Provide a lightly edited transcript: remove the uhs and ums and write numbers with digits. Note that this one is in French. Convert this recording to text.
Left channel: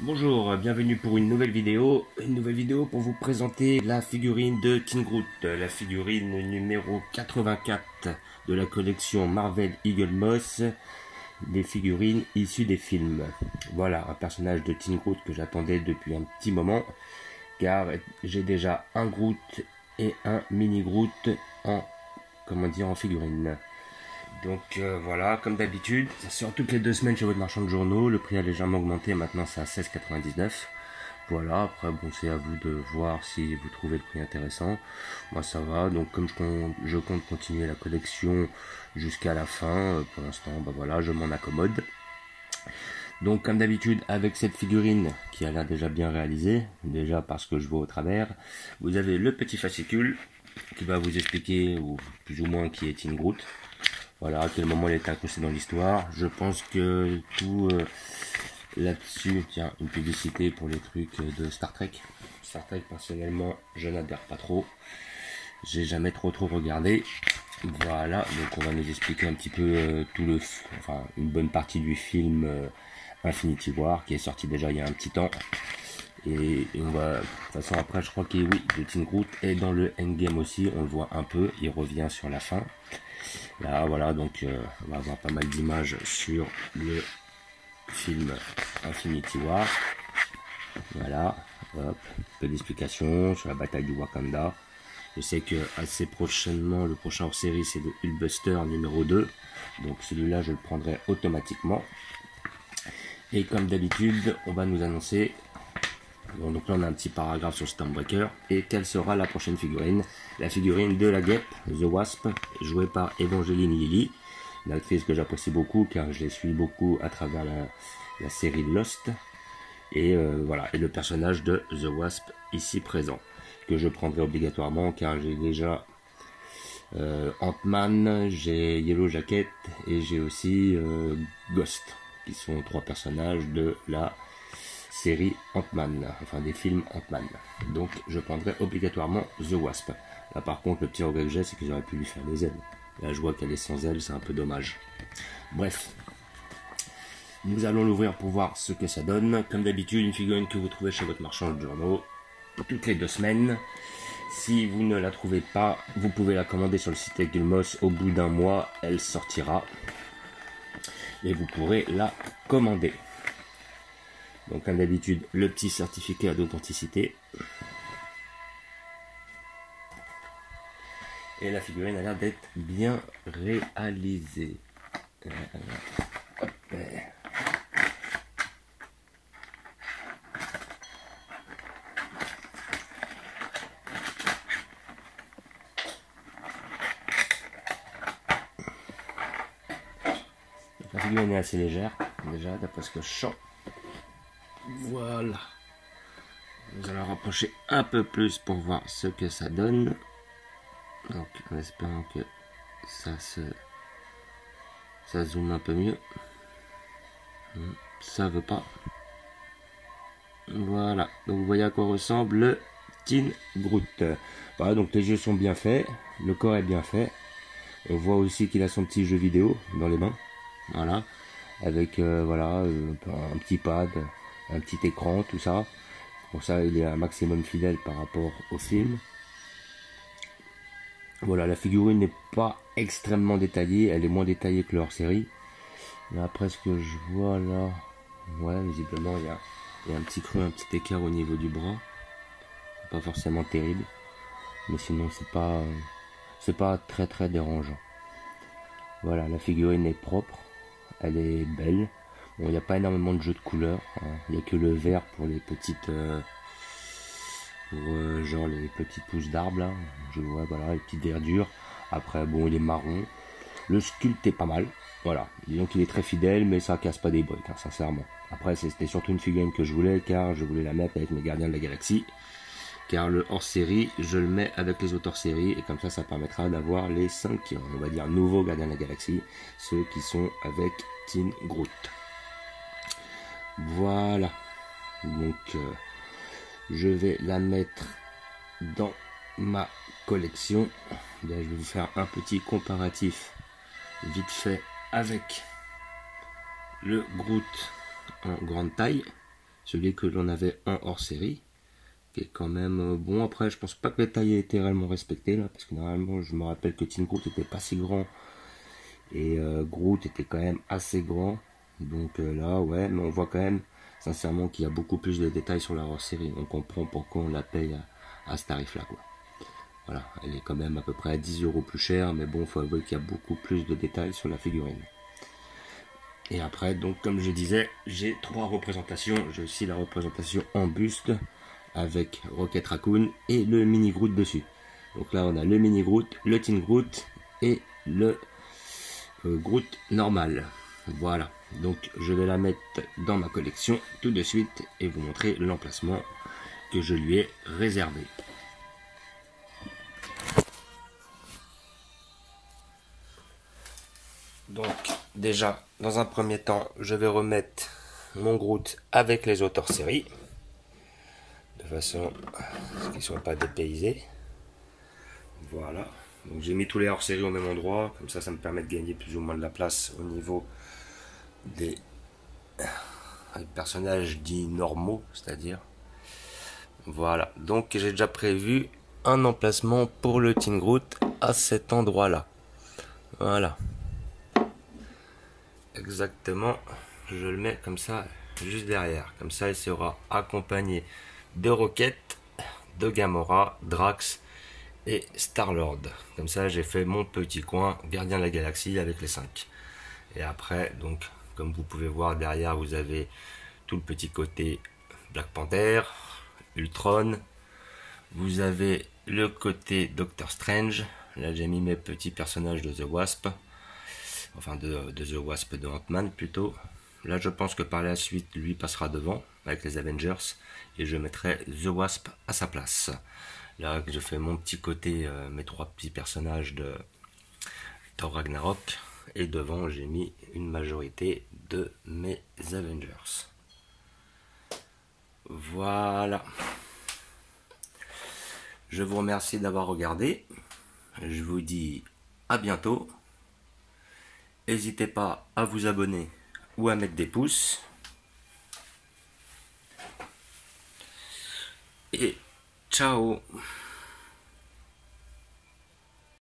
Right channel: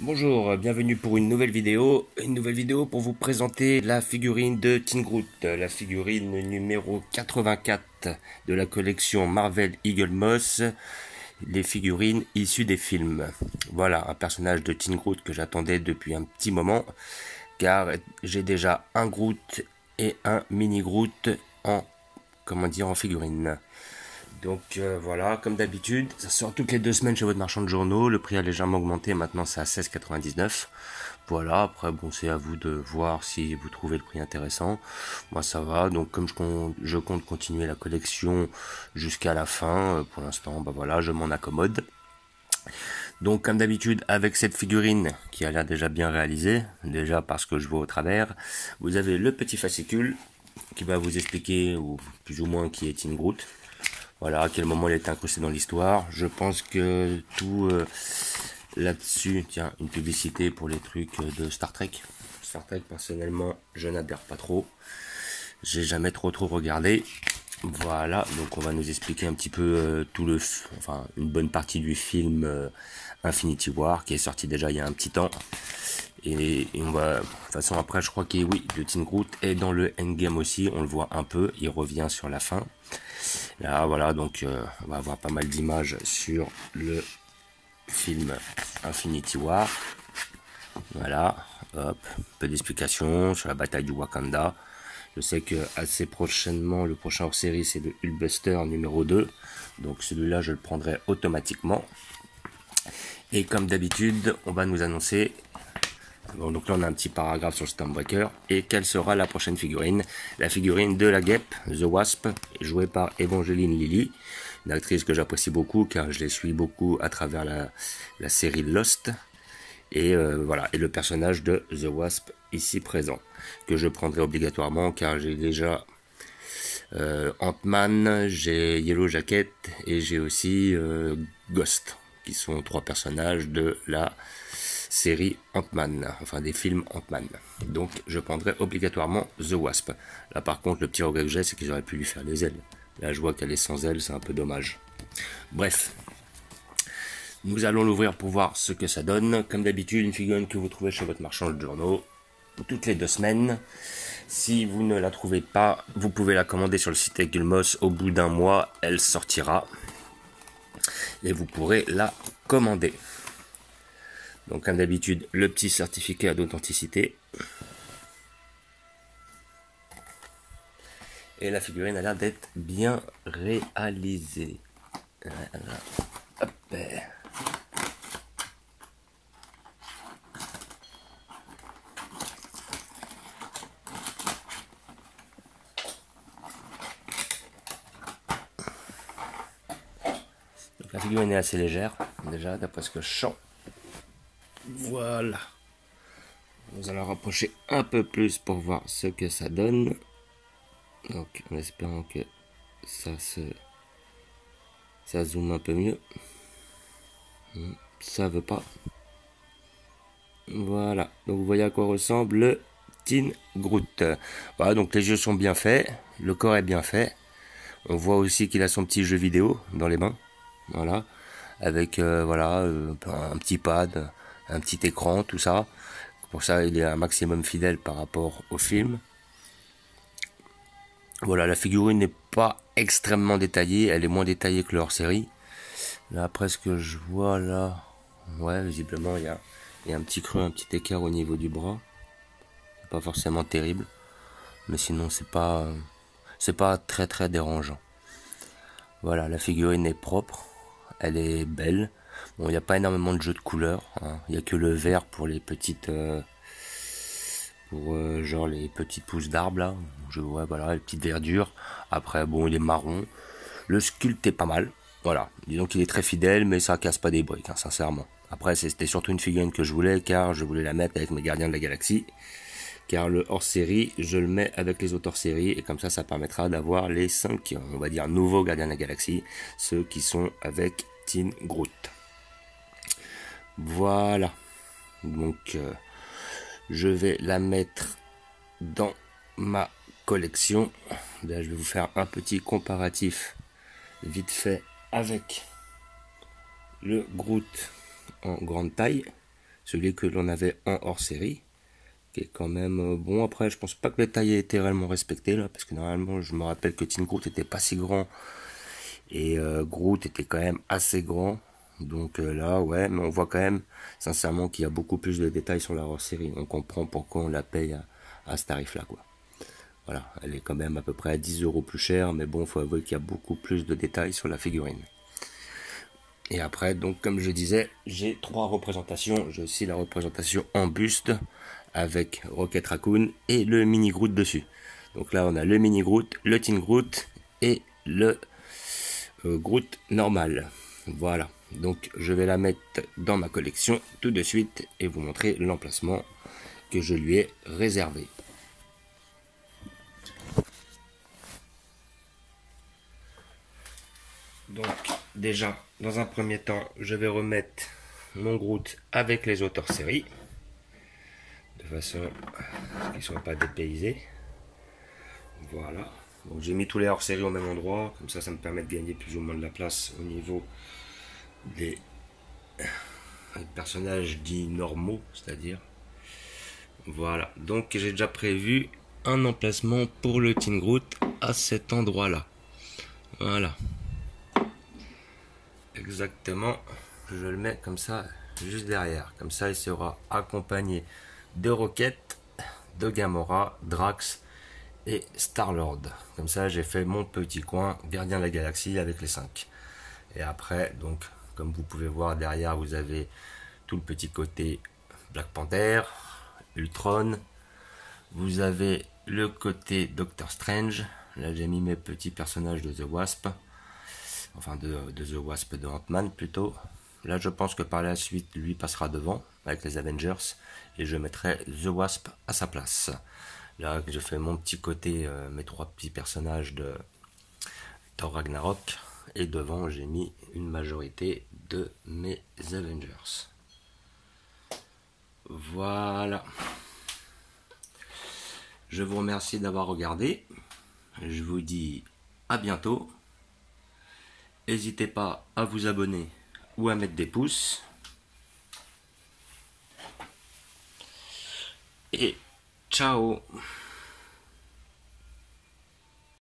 Bonjour, bienvenue pour une nouvelle vidéo pour vous présenter la figurine de Teen Groot, la figurine numéro 84 de la collection Marvel Eagle Moss, les figurines issues des films. Voilà, un personnage de Teen Groot que j'attendais depuis un petit moment, car j'ai déjà un Groot et un mini Groot en figurine. Donc voilà, comme d'habitude, ça sort toutes les 2 semaines chez votre marchand de journaux. Le prix a légèrement augmenté, maintenant c'est à 16,99 €. Voilà, après bon, c'est à vous de voir si vous trouvez le prix intéressant. Moi ça va, donc comme je compte continuer la collection jusqu'à la fin, pour l'instant, voilà, je m'en accommode. Donc comme d'habitude, avec cette figurine qui a l'air déjà bien réalisée, déjà parce que je vois au travers, vous avez le petit fascicule qui va vous expliquer, ou plus ou moins, qui est Teen Groot. Voilà, à quel moment il est incrusté dans l'histoire. Je pense que tout là-dessus, tiens, une publicité pour les trucs de Star Trek. Star Trek, personnellement, je n'adhère pas trop. J'ai jamais trop regardé. Voilà, donc on va nous expliquer un petit peu une bonne partie du film Infinity War, qui est sorti déjà il y a un petit temps. Et on va, de toute façon, après, je crois que oui, le Teen Groot est dans le Endgame aussi, on le voit un peu, il revient sur la fin. Là, voilà, donc on va avoir pas mal d'images sur le film Infinity War. Voilà, hop, peu d'explications sur la bataille du Wakanda. Je sais que assez prochainement, le prochain hors-série, c'est le Hulkbuster numéro 2. Donc celui-là, je le prendrai automatiquement. Et comme d'habitude, on va nous annoncer... Donc là on a un petit paragraphe sur Stormbreaker. Et quelle sera la prochaine figurine? La figurine de la guêpe, The Wasp, jouée par Evangeline Lilly, une actrice que j'apprécie beaucoup car je les suis beaucoup à travers la série Lost. Et voilà, et le personnage de The Wasp ici présent, que je prendrai obligatoirement car j'ai déjà Ant-Man, j'ai Yellow Jacket et j'ai aussi Ghost, qui sont 3 personnages de la série Ant-Man, enfin des films Ant-Man. Donc je prendrai obligatoirement The Wasp. Là par contre, le petit regret que j'ai, c'est qu'ils auraient pu lui faire des ailes. Là je vois qu'elle est sans ailes, c'est un peu dommage. Bref, nous allons l'ouvrir pour voir ce que ça donne. Comme d'habitude, une figurine que vous trouvez chez votre marchand de journaux toutes les 2 semaines. Si vous ne la trouvez pas, vous pouvez la commander sur le site Eagle Moss. Au bout d'1 mois, elle sortira et vous pourrez la commander. Donc comme d'habitude, le petit certificat d'authenticité. Et la figurine a l'air d'être bien réalisée. Hop. Donc, la figurine est assez légère, déjà, d'après ce que je sens. Voilà. Nous allons rapprocher un peu plus pour voir ce que ça donne. Donc en espérant que ça zoome un peu mieux. Ça veut pas. Voilà. Donc vous voyez à quoi ressemble le Teen Groot. Voilà, donc les yeux sont bien faits, le corps est bien fait. On voit aussi qu'il a son petit jeu vidéo dans les mains. Voilà. Avec un petit pad, un petit écran, tout ça. Pour ça, il est un maximum fidèle par rapport au film. Voilà, la figurine n'est pas extrêmement détaillée, elle est moins détaillée que le hors-série. Là, après ce que je vois là, ouais, visiblement il y a un petit creux, un petit écart au niveau du bras. Pas forcément terrible, mais sinon c'est pas très dérangeant. Voilà, la figurine est propre, elle est belle. Bon, il n'y a pas énormément de jeux de couleurs, hein. Il n'y a que le vert pour les petites... genre les petites pousses d'arbres là, je vois, voilà, les petites verdures. Après bon, il est marron, le sculpte est pas mal, voilà, disons qu'il est très fidèle, mais ça casse pas des briques, hein, sincèrement. Après c'était surtout une figurine que je voulais, car je voulais la mettre avec mes Gardiens de la Galaxie, car le hors-série je le mets avec les autres hors-série, et comme ça permettra d'avoir les 5, on va dire, nouveaux Gardiens de la Galaxie, ceux qui sont avec Teen Groot. Voilà, donc je vais la mettre dans ma collection. Là, je vais vous faire un petit comparatif vite fait avec le Groot en grande taille celui que l'on avait en hors série, qui est quand même bon. Après, je pense pas que les tailles aient été réellement respectées là, parce que normalement, je me rappelle que Teen Groot était pas si grand et Groot était quand même assez grand. Donc là, ouais, mais on voit quand même, sincèrement, qu'il y a beaucoup plus de détails sur la hors série. On comprend pourquoi on la paye à ce tarif-là, quoi. Voilà, elle est quand même à peu près à 10 € plus chère, mais bon, il faut avouer qu'il y a beaucoup plus de détails sur la figurine. Et après, donc comme je disais, j'ai 3 représentations. J'ai aussi la représentation en buste avec Rocket Raccoon et le mini Groot dessus. Donc là, on a le mini Groot, le Teen Groot et le Groot normal. Voilà, donc je vais la mettre dans ma collection tout de suite et vous montrer l'emplacement que je lui ai réservé. Donc déjà, dans un premier temps, je vais remettre mon Groot avec les autres hors série, de façon à ce qu'ils ne soient pas dépaysés. Voilà, donc j'ai mis tous les hors série au même endroit, comme ça me permet de gagner plus ou moins de la place au niveau des personnages dits normaux, c'est-à-dire. Voilà, donc j'ai déjà prévu un emplacement pour le Teen Groot à cet endroit-là. Voilà. Exactement, je le mets comme ça, juste derrière. Comme ça, il sera accompagné de Rocket, de Gamora, Drax et Star-Lord. Comme ça, j'ai fait mon petit coin Gardien de la Galaxie avec les 5. Et après, donc, comme vous pouvez voir derrière, vous avez tout le petit côté Black Panther, Ultron. Vous avez le côté Doctor Strange. Là, j'ai mis mes petits personnages de The Wasp. Enfin, de The Wasp, de Ant-Man plutôt. Là, je pense que par la suite, lui passera devant avec les Avengers. Et je mettrai The Wasp à sa place. Là, je fais mon petit côté, mes 3 petits personnages de Thor Ragnarok. Et devant, j'ai mis une majorité de mes Avengers. Voilà. Je vous remercie d'avoir regardé. Je vous dis à bientôt. N'hésitez pas à vous abonner ou à mettre des pouces. Et ciao!